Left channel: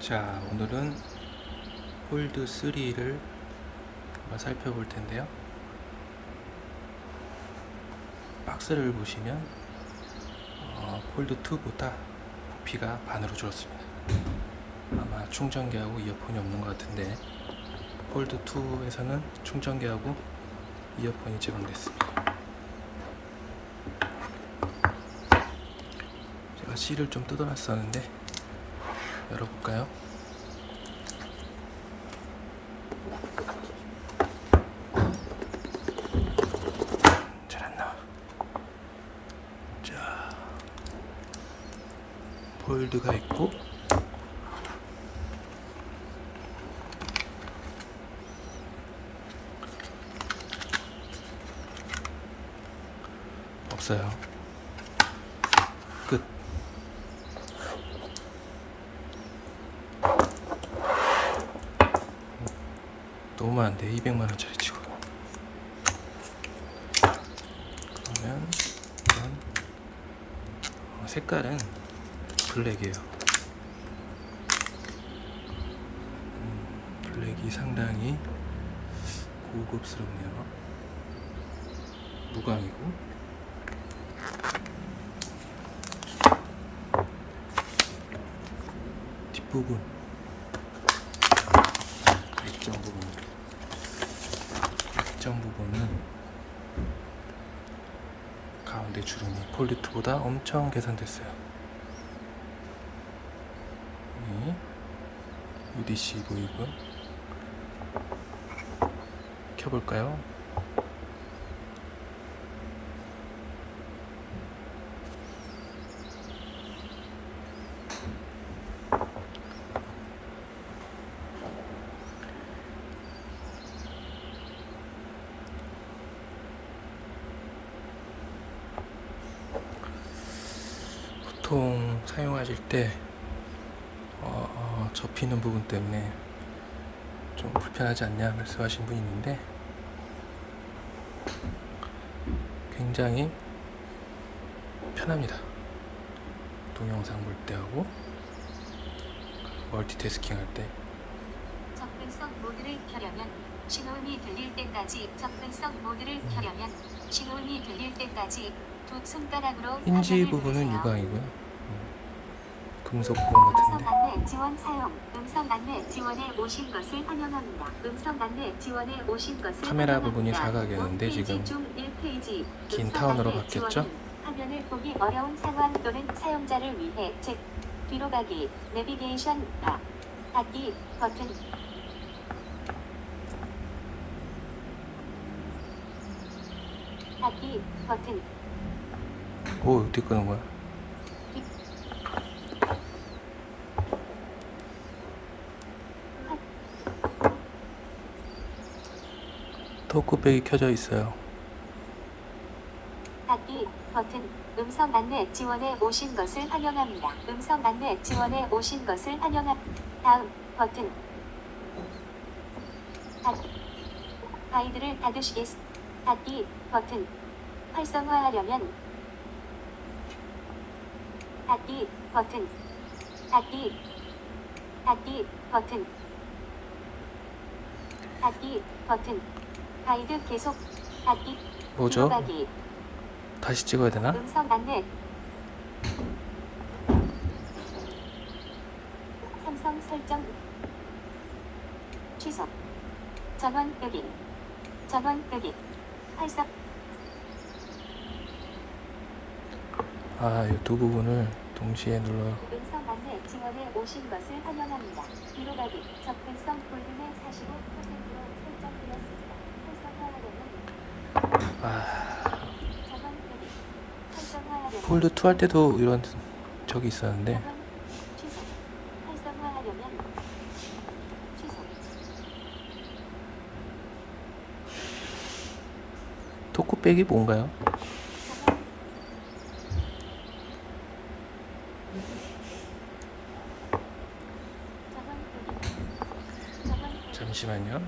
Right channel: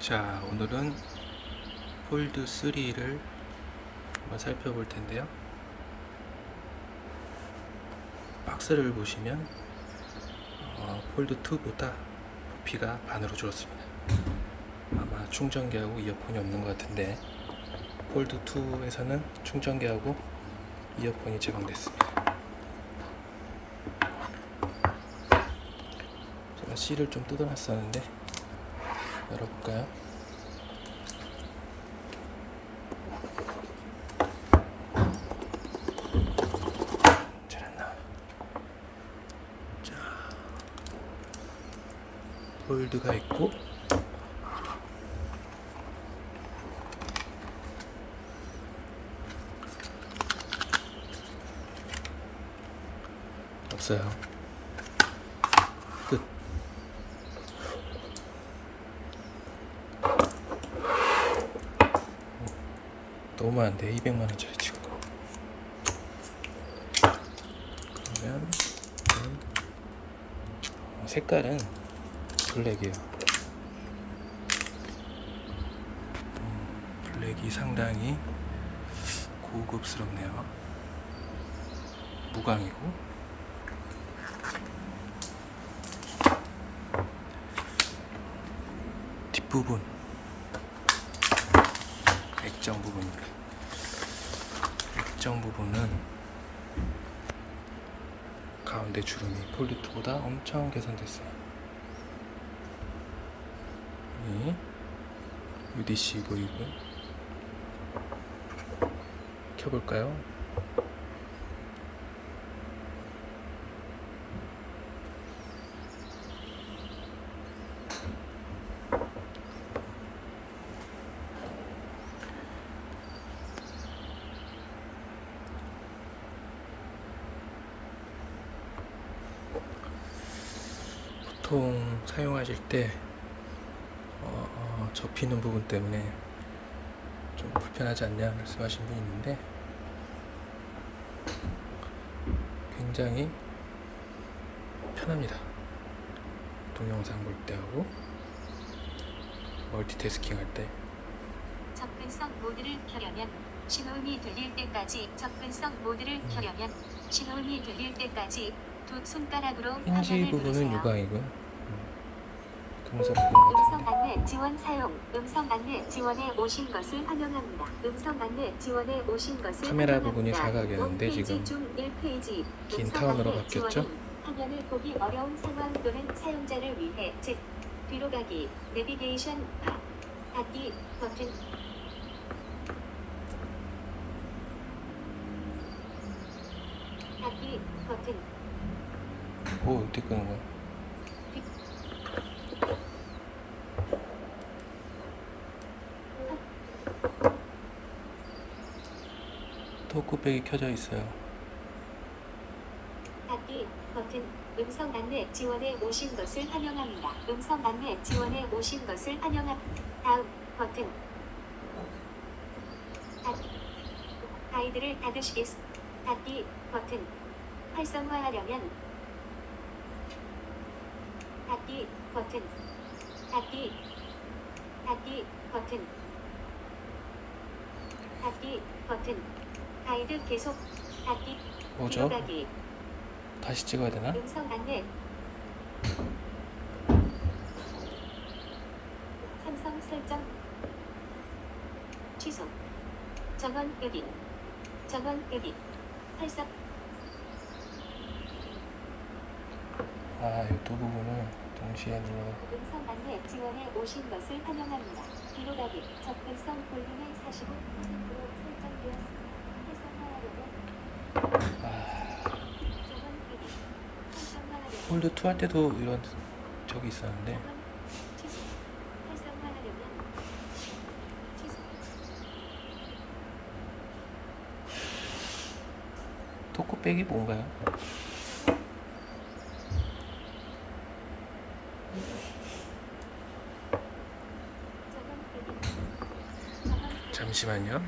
자, 오늘은 폴드 3를 한번 살펴볼 텐데요. 박스를 보시면 어, 폴드 2보다 부피가 반으로 줄었습니다. 아마 충전기하고 이어폰이 없는 것 같은데 폴드 2에서는 충전기하고 이어폰이 제공됐습니다. 제가 실을 좀 뜯어놨었는데 열어볼까요? 잘안 나와. 자, 폴드가 있고 없어요. 너무 많은데 200만 원짜리 치고 그러면 이건 어, 색깔은 블랙이에요. 음, 블랙이 상당히 고급스럽네요. 무광이고. 뒷부분. 액정 부분입니다. 액정 부분은 가운데 주름이 폴리트보다 엄청 개선됐어요. 이 UDC 보이고 켜볼까요? 보통 사용하실 때 어, 어, 접히는 부분 때문에 좀 불편하지 않냐 말씀하신 분이 있는데 굉장히 편합니다. 동영상 볼 때 하고 멀티태스킹 할 때 접근성 모드를 켜려면 신호음이 들릴 때까지 접근성 모드를 켜려면 신호음이 들릴 때까지 버튼을 부분은. 유광이고요. 음, 금속 부분 음성 같은데 안내 지원 사용 음성 안내 지원에 오신 것을 환영합니다. 음성 안내 지원에 오신 것을 카메라 환영합니다. 부분이 사각이었는데 지금 중 1페이지 긴 음성 타원으로 안내 바뀌었죠? 지원은 화면을 보기 어려운 상황 또는 사용자를 위해 즉 뒤로 가기 내비게이션 바 닫기 버튼 닫기 버튼 오 어떻게 끄는 거야? 토크백이 켜져 있어요. 닫기 버튼 음성 안내 지원에 오신 것을 환영합니다. 음성 안내 지원에 오신 것을 환영합니다. 다음 버튼 닫기 가이드를 닫으시겠 닫기 버튼 활성화하려면 닫기 버튼. 닫기 닫기 버튼. 닫기 버튼. 가이드 계속 닫기. 뭐죠? 들어가기. 다시 찍어야 되나? 음성 안내. 삼성 설정. 취소. 전원 끄기 전원 끄기 활성. 아, 이 두 부분을 동시에 눌러. 음성 안내 지원에 오신 것을 환영합니다. 뒤로 가기 접근성 볼륨의 45%로 설정되었습니다. 활성화하려면 아, 활성화하려면 폴드 2 할 때도 이런 적이 있었는데 전원 취소 활성화하려면 취소 토크백이 뭔가요? 전원 전원 끄기 전원 끄기 잠시만요.